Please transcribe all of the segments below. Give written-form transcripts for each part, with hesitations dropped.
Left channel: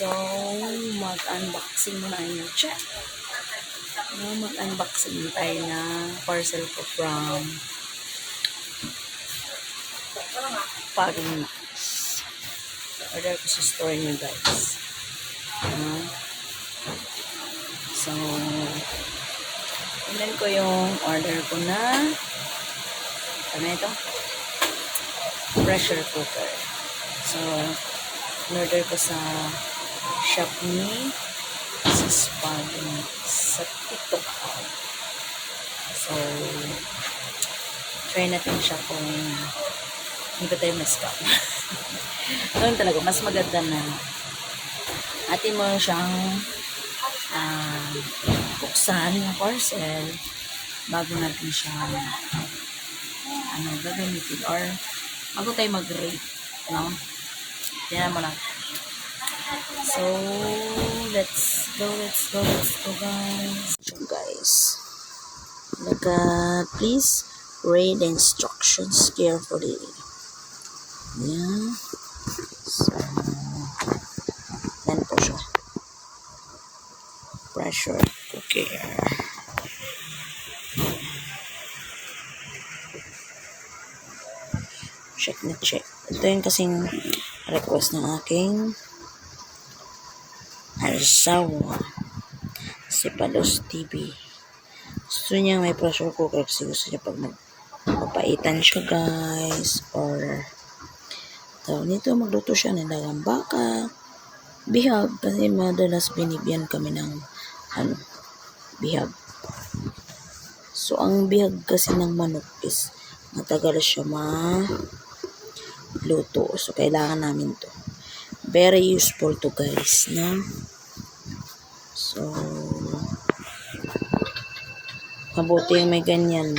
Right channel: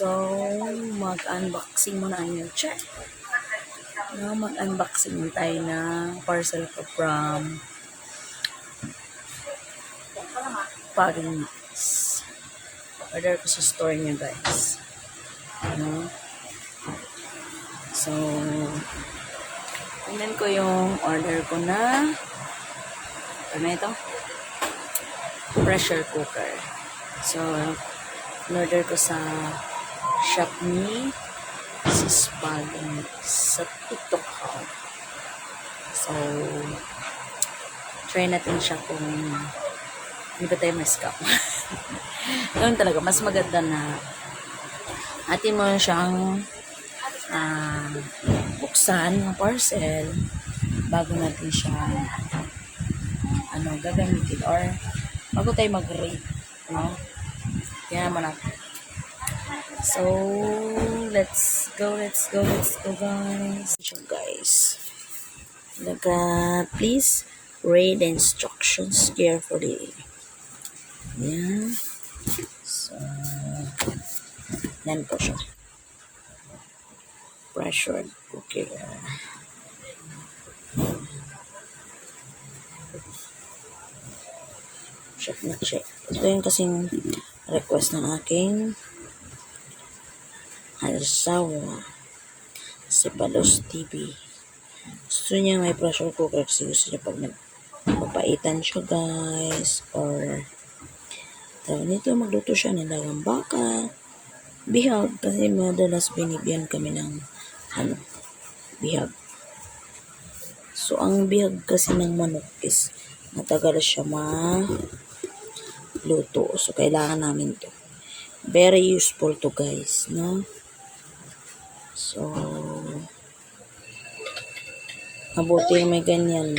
So, mag-unboxing muna yung check. No, mag-unboxing tayo na parcel ko from Paring Mix. Order ko sa store niya, guys. No? So, tingnan ko yung order ko na ano ito? Pressure cooker. So, in-order ko sa Shopee sa Paring Mix sa TikTok account. So, try natin siya kung hindi ba tayo ma-scam. Doon talaga, mas maganda na atin mo siyang buksan ng parcel bago natin siya gagamitin or bago tayo mag-rate, no? Yan mo natin. So, let's go guys. So guys, please read the instructions carefully. Yan. So, yan po siya. Pressure cooker. Check na check. Ito yung kasing request ng aking asawa si Palos TV. Gusto niya may pressure cooker kasi gusto niya pag magpapaitan siya, guys, or nito magluto siya ng dagang baka, bihag, kasi madalas binibigyan kami ng bihag. So ang bihag kasi ng manok is matagal siya luto. So, kailangan namin to. Very useful to, guys, no? So, mabuti yung may ganyan.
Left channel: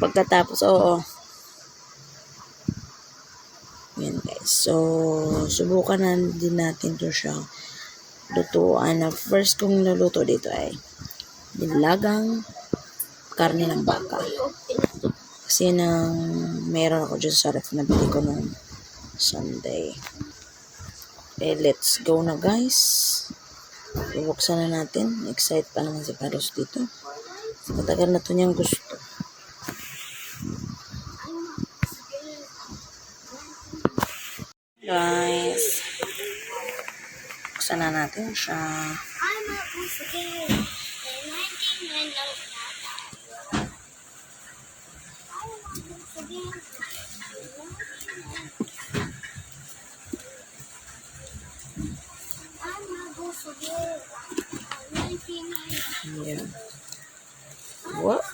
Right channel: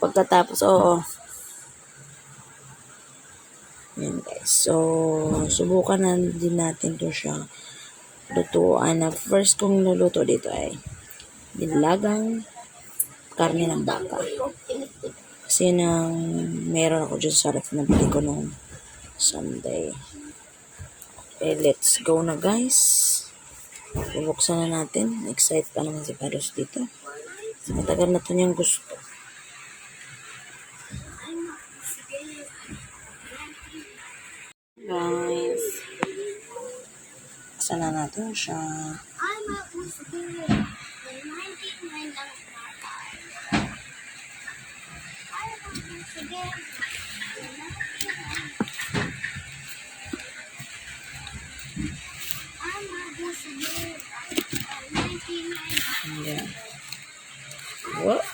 Pagkatapos, yan, guys. So, subukan na din natin to siya lutuan. First kong nuluto dito ay nilagang karne ng baka. Kasi meron ako dyan sa ref na bili ko nung Sunday. Okay, let's go na, guys. Bubuksan na natin. Excited pa naman si Carlos dito. Matagal na to niyang gusto. Guys, buksan na natin siya. Yeah. What?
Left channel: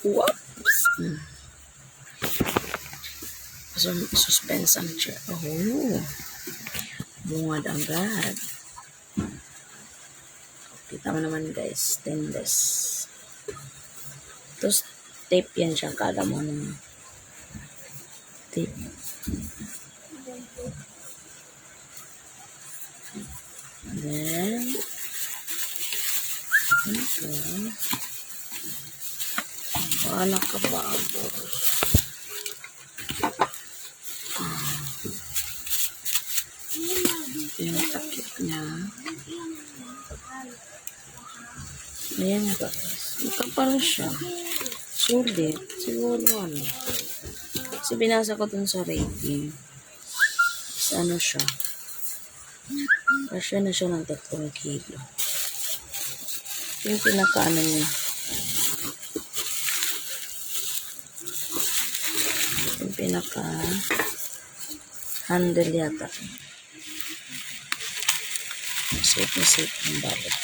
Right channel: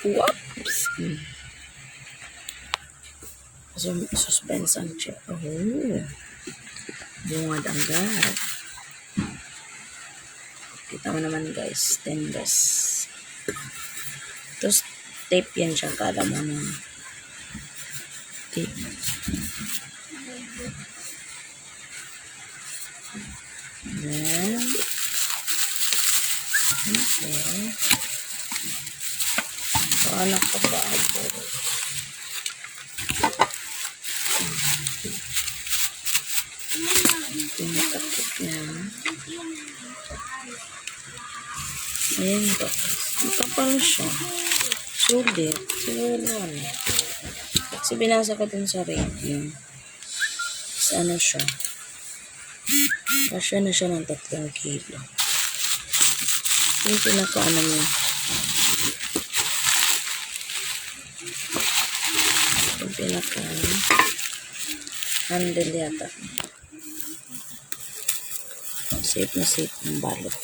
Whoops. Suspense ang chair. Oh. Bungad agad. Kita mo naman, guys. Stainless. Tapos, tape yan siya. Kala mo ng tape. Then, okay. Anak ka babo. Tinatakip na. Ayan ba? Makapal siya. Sulit. Siguro kasi binasa ko dun sa rating. Sa siya. Kasya na siya ng 3 kilo. Yung pinakaano niya. Yung pinaka handle yata. Safe na safe yung balot.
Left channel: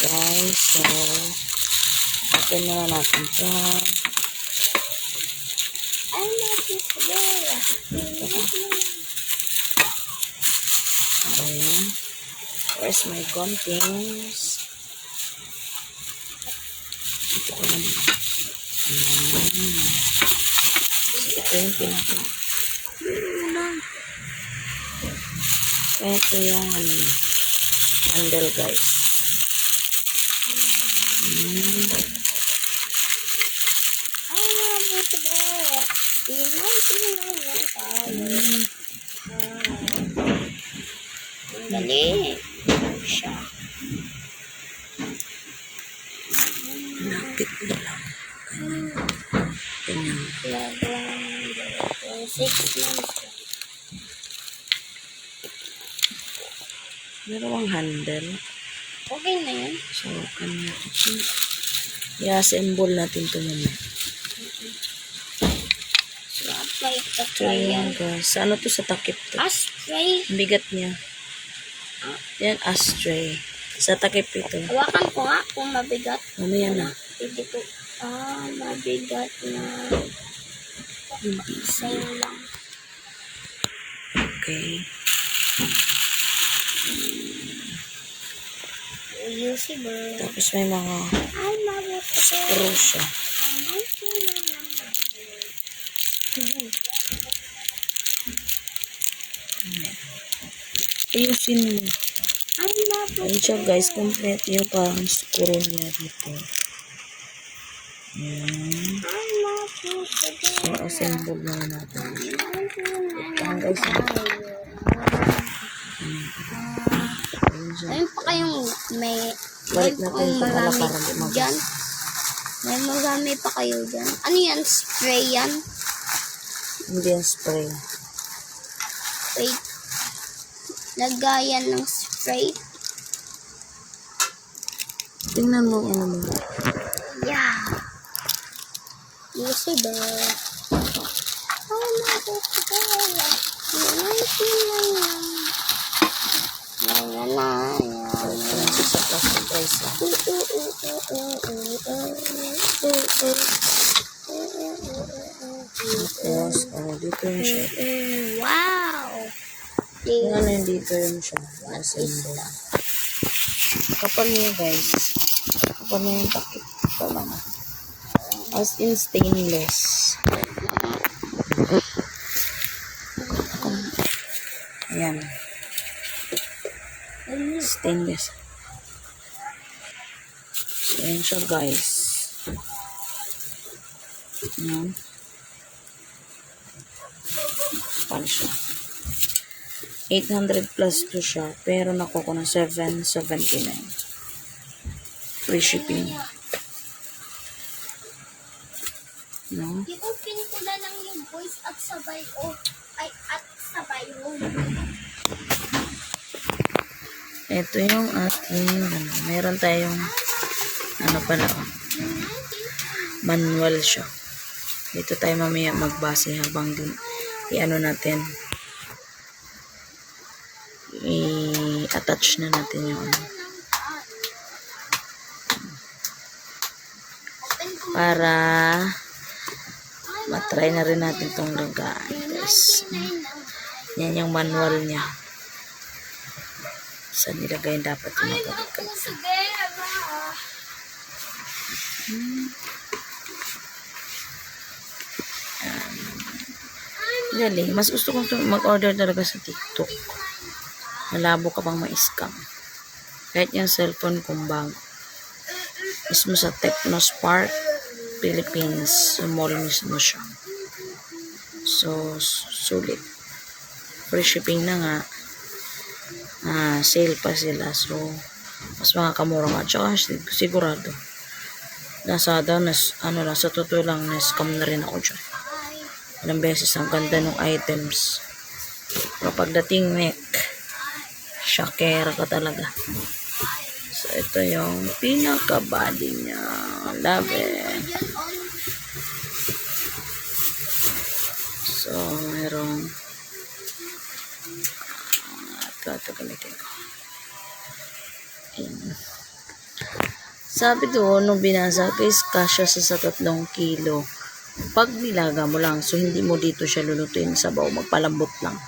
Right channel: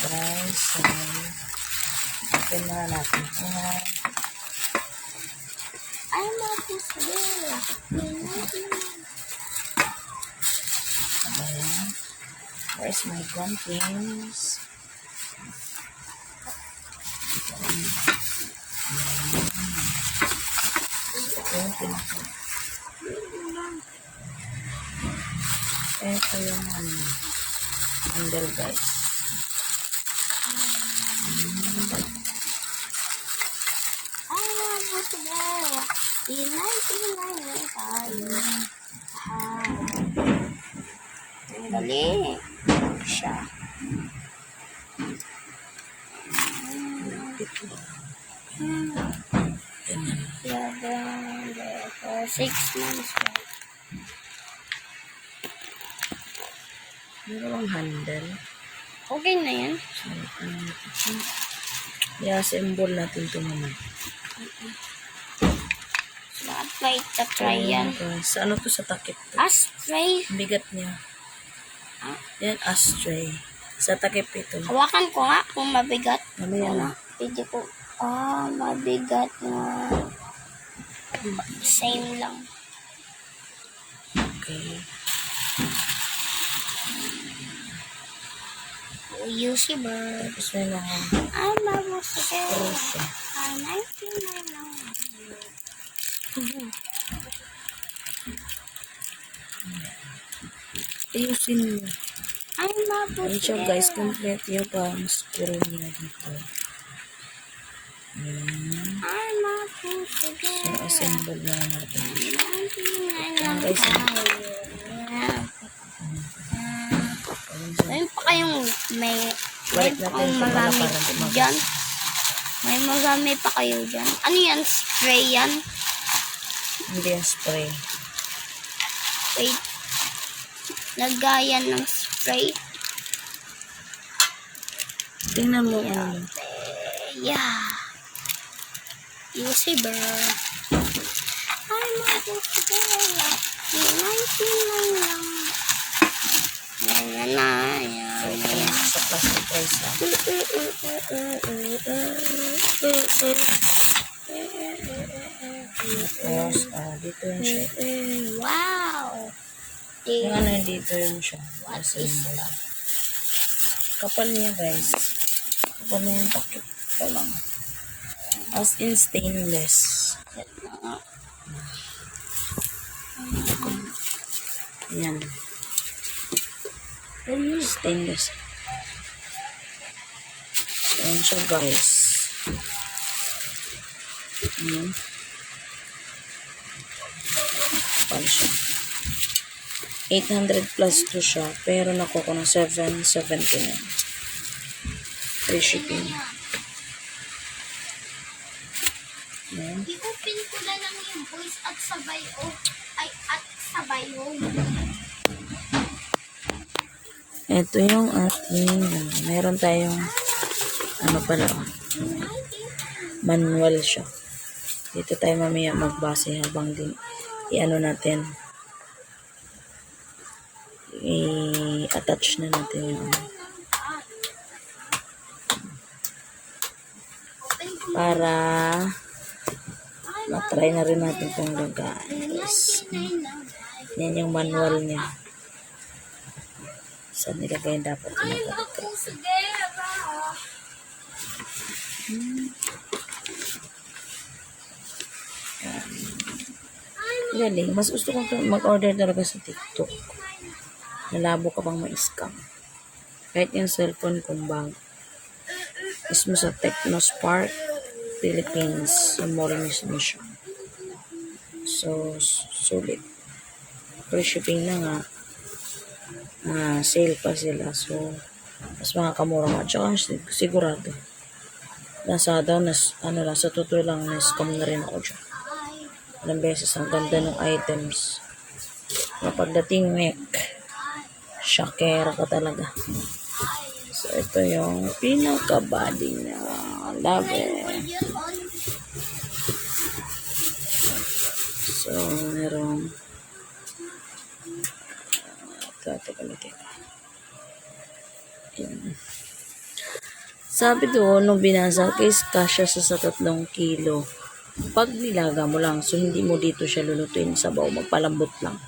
Guys, so open na natin ito. Ayan. Where's my contents? Ito yung pinaka. Ito yung ano, handle guys. Buto ba? Pinay tayo. Ang galing. Siya. Lapit lang. Ganyan. For 6 months. Meron bang handle? Okay na yan. So, ano natin siya? I-assemble natin ito mamaya. So, apply to try yan. Guys, ano to sa takip to? Ashtray. Ang bigat niya. Yan, ashtray. Sa takip ito. Hawakan ko nga kung mabigat. Mamaya na. Pwede ko. Mabigat na. Same lang. Okay. Usable. Tapos may mga screw siya. Ayusin mo. Ayun siya guys, complete yung parang screw niya dito. Yan. So, assemble na natin. Yan guys. Ayun pa kayong may Balik pa natin kayong ito marami para lumabas. dyan. May marami pa kayo dyan. Ano yan? Spray yan? Hindi yung spray. Wait. Lagayan ng spray. Tingnan mo ano mo. Yeah. Usable. I'm not usable. Sa plastic price lang. Tapos, dito yung siya. Wow. Yung ano yung dito yung siya. What is that? Kapal niya guys. Kapal niya yung takip. Ito lang. As in stainless. Ayan. Stainless. So, ayan siya guys. Ayan. Kapal siya. 800 plus to siya. Pero nakuha ko ng 779. Free shipping. No? I-open ko na lang yung voice at sabay home. Ito yung ating, meron tayong, ano pala, manual siya. Dito tayo mamaya magbase habang din, i-ano natin, i-attach na natin yung ano. Para matry na rin natin itong lagaan. Guys. Yan yung manual niya. Saan nilagay dapat yung mapagkat. Galing. Mas gusto kong mag-order talaga sa TikTok. Malabo ka pang ma-scam. Kahit yung cellphone kong bago. Mismo sa Technospark Philippines. Sa mall mismo siya. So, sulit. Free shipping na nga. Sale pa sila. So, mas makakamura nga. Tsaka sigurado. Lazada, sa totoo lang, na-scam na rin ako dyan. Ilang beses, ang ganda ng items. Kapag dating neck, shakera ka talaga. So, ito yung pinaka-body niya. Love it. So, merong ito gamitin ko. Ayan. Sabi doon, nung binasa, case kasya sa 3 kilo. Pag nilaga mo lang, so hindi mo dito siya lulutuin sa baw, magpalambot lang.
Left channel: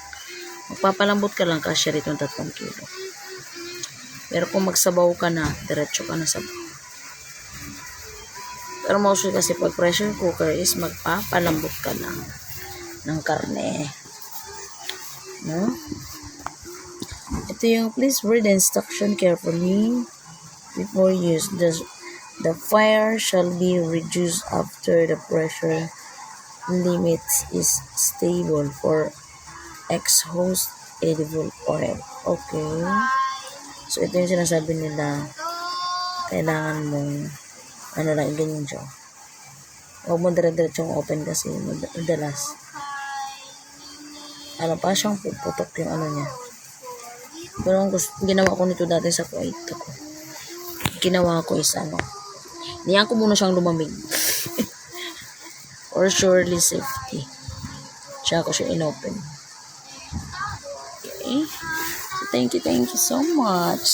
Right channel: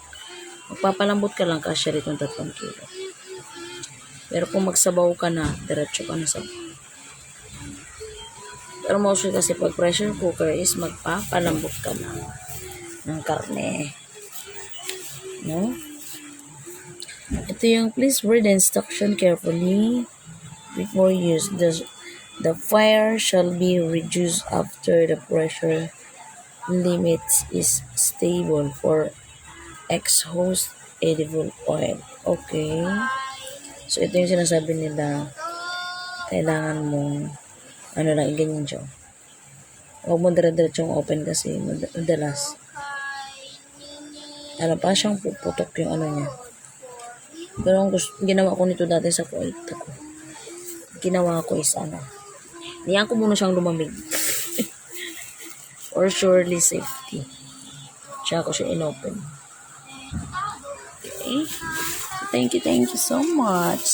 Magpapalambot ka lang, kasya rito 3 kilo. Pero kung magsabaw ka na, diretso ka na sa. Pero mostly kasi pag pressure cooker is magpapalambot ka ng karne. No? Ito yung please read the instruction carefully before use. The fire shall be reduced after the pressure limit is stable for exhaust edible oil. Okay. So, ito yung sinasabi nila. Kailangan mong lang, ganyan siya. Huwag mo dire-diretsong open kasi madalas. Pa siyang puputok yung niya. Pero ang ginawa ko nito dati sa Kuwait ako. Ginawa ko is niyan ko muna siyang lumamig. For surely safety. Tsaka ko siya inopen. Okay. So, thank you so much.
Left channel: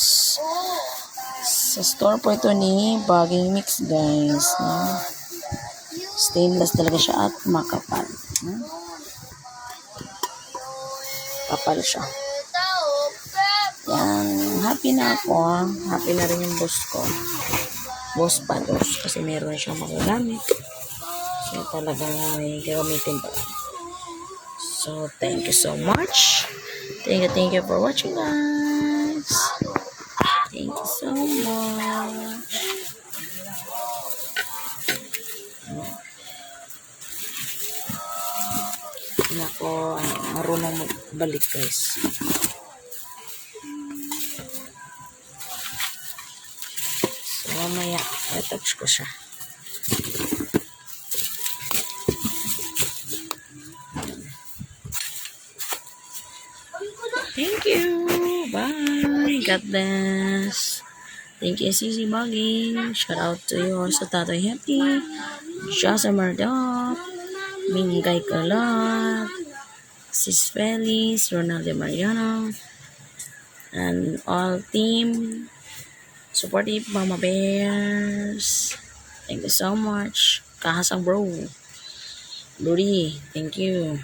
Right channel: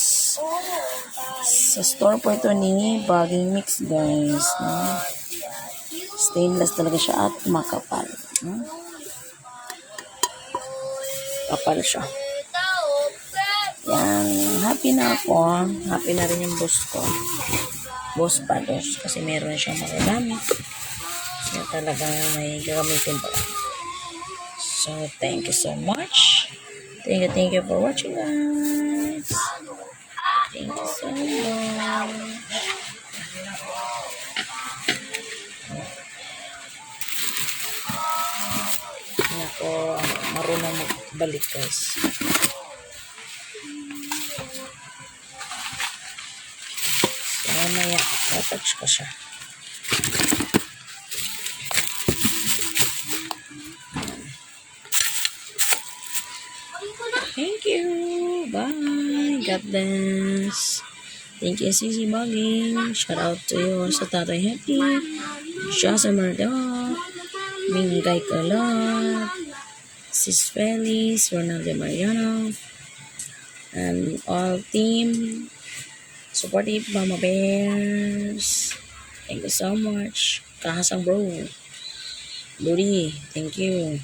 Sa store po ito ni Bagging Mix, guys. No? Stainless talaga siya at makapal. No? Kapal siya. Yan. Happy na ako. Happy na rin yung boss ko. Boss Pados. Kasi meron siyang magagamit. Kaya talagang may gagamitin pa. So, thank you so much. Thank you for watching, guys. Thank you so much. Nako, marunong magbalik, guys. So, mamaya, touch ko siya. Thank you. Bye. God bless. Thank you, Sisi Bagging. Shout out to you also, Tatoy Happy, Jasa Murdoch, Mingay Kalat, Sis Feliz, Ronaldo Mariano, and all team supportive Mama Bears. Thank you so much. Kahasang bro. Luri, thank you.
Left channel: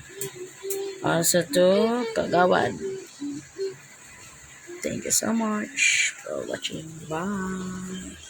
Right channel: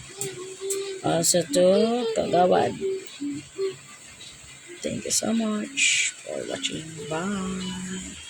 Also to Kagawad. Thank you so much for watching. Bye.